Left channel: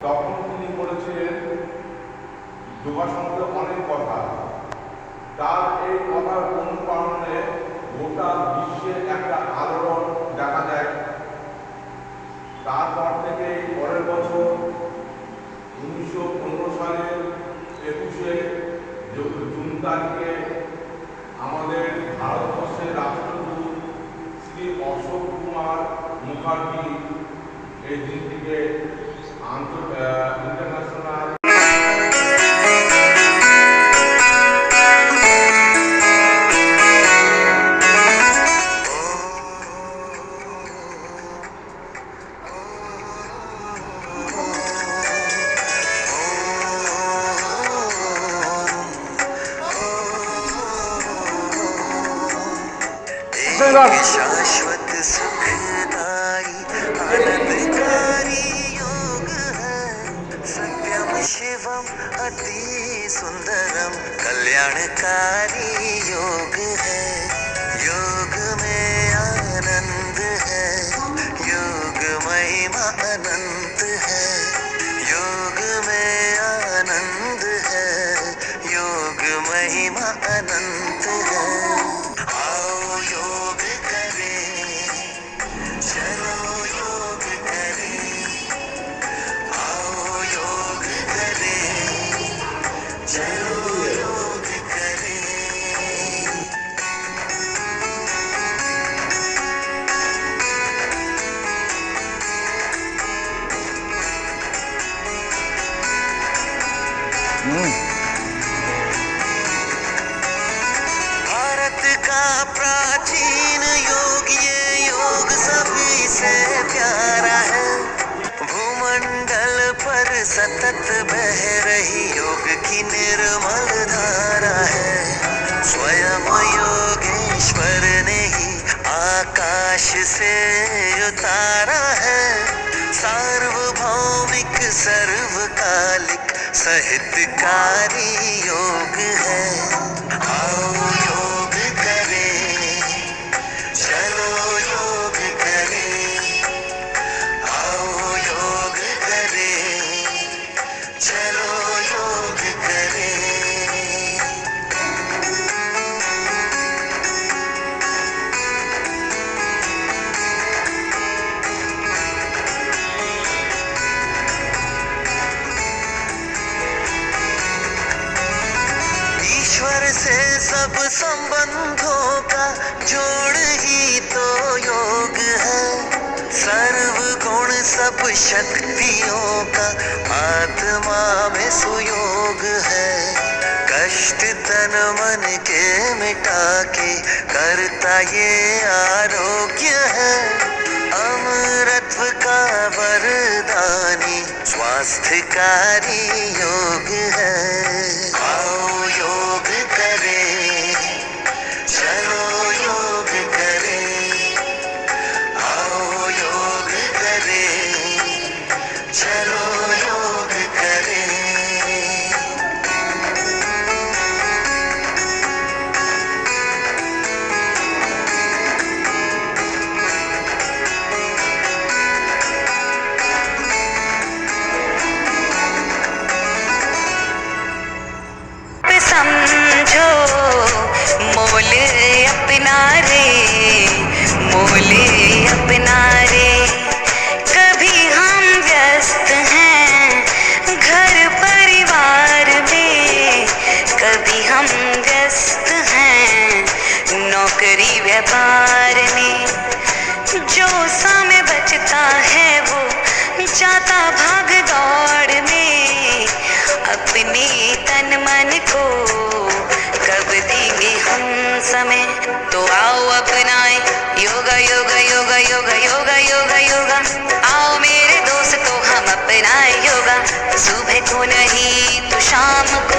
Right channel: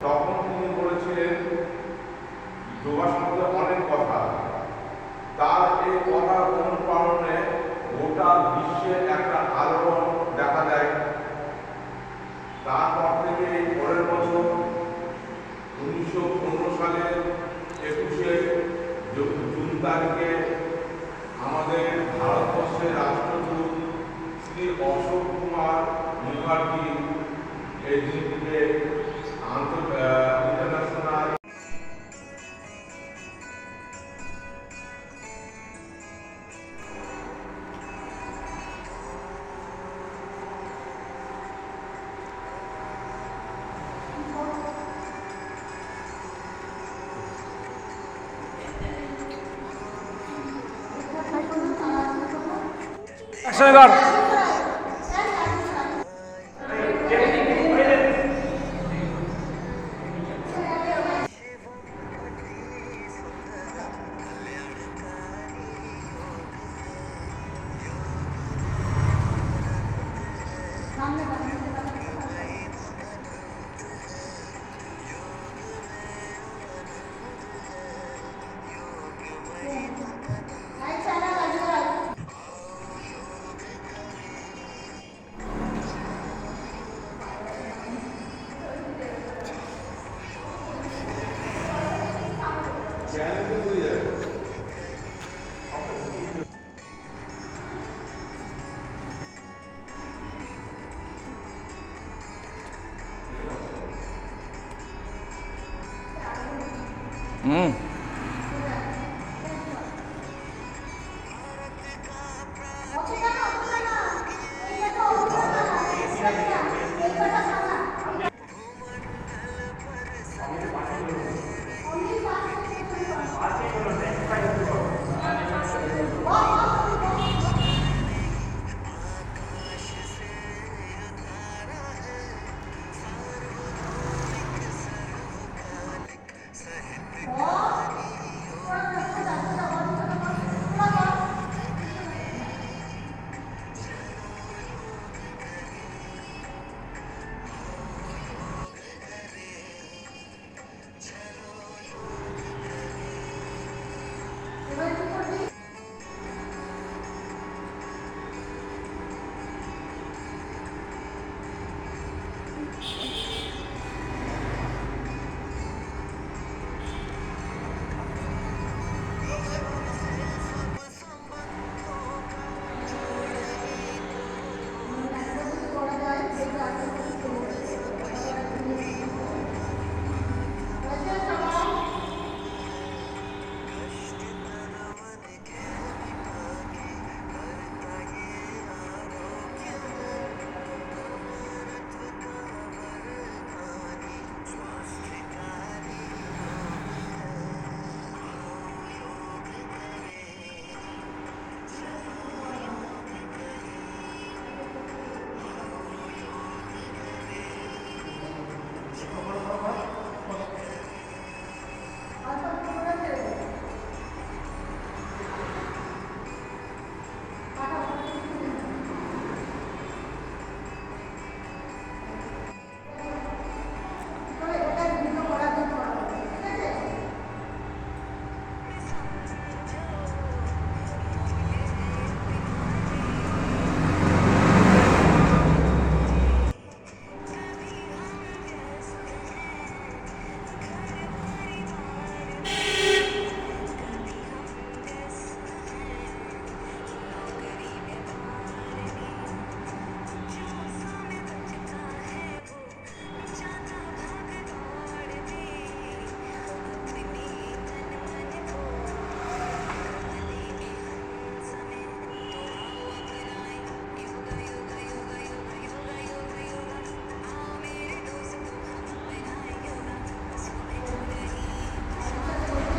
তখন তিনি বলেছিলেন যোগা সম্বন্ধে অনেক কথা। তার এই কথার অনুপ্রেরণে গোটা বিশ্বে একটা আলোড়ন দেখা যায়। তারপর থেকে পরের বছর 1915 সালের 21শে জুন তারিখে আমাদের ভারতবর্ষের রাষ্ট্রদূত শ্রী অশোক কুমার মুখার্জি এই দিনটিকে ইন্টারন্যাশনাল शाश्वत सुखदाई आनंदकारी योग है सत्यम शिवम अति सुंदरम कल्याणकारी योग है। योग में आनंद है, योग महिमा अनंत है। योग में आनंद है, योग महिमा अनंत है। भारत का प्राचीन योग, ये योग सभी से प्यारा है। भूमंडल पर सतत बह रही योग की निर्मल धारा है। स्वयं योगेश्वर ने ही आकाश से उतारा है। सार्वभौमिक सर्वकालिक साहित्यकारी योग है। आओ योग करें, चलो योग करें। आओ योग करें, चलो योग करें। ईश्वर से सब संबंधों का जोड़ ही तो योग है। सर्व गुण सब शक्तियों का आत्मा में सुयोग है। कष्ट तन मन के मिटा के करता ये आरोग्य है। अमरत्व का वरदानी स्वास्थ्यकारी योग है। आओ योग करें, चलो योग करें। आओ योग करें, चलो योग करें। समझो मोल अपना रे, मोल अपना रे। कभी हम व्यस्त हैं घर परिवार में, कभी हम व्यस्त हैं नौकरी व्यापार में। जो समय बचता है वो जाता भाग दौड़ में। अपने तन मन को कब देंगे हम समय, तो आओ अपनाए योगा योगा योगा योगा योगा योगा योगा। आओ मेरे दोस्तों हम अपनाए योगा। सुबह को नहीं तो शाम को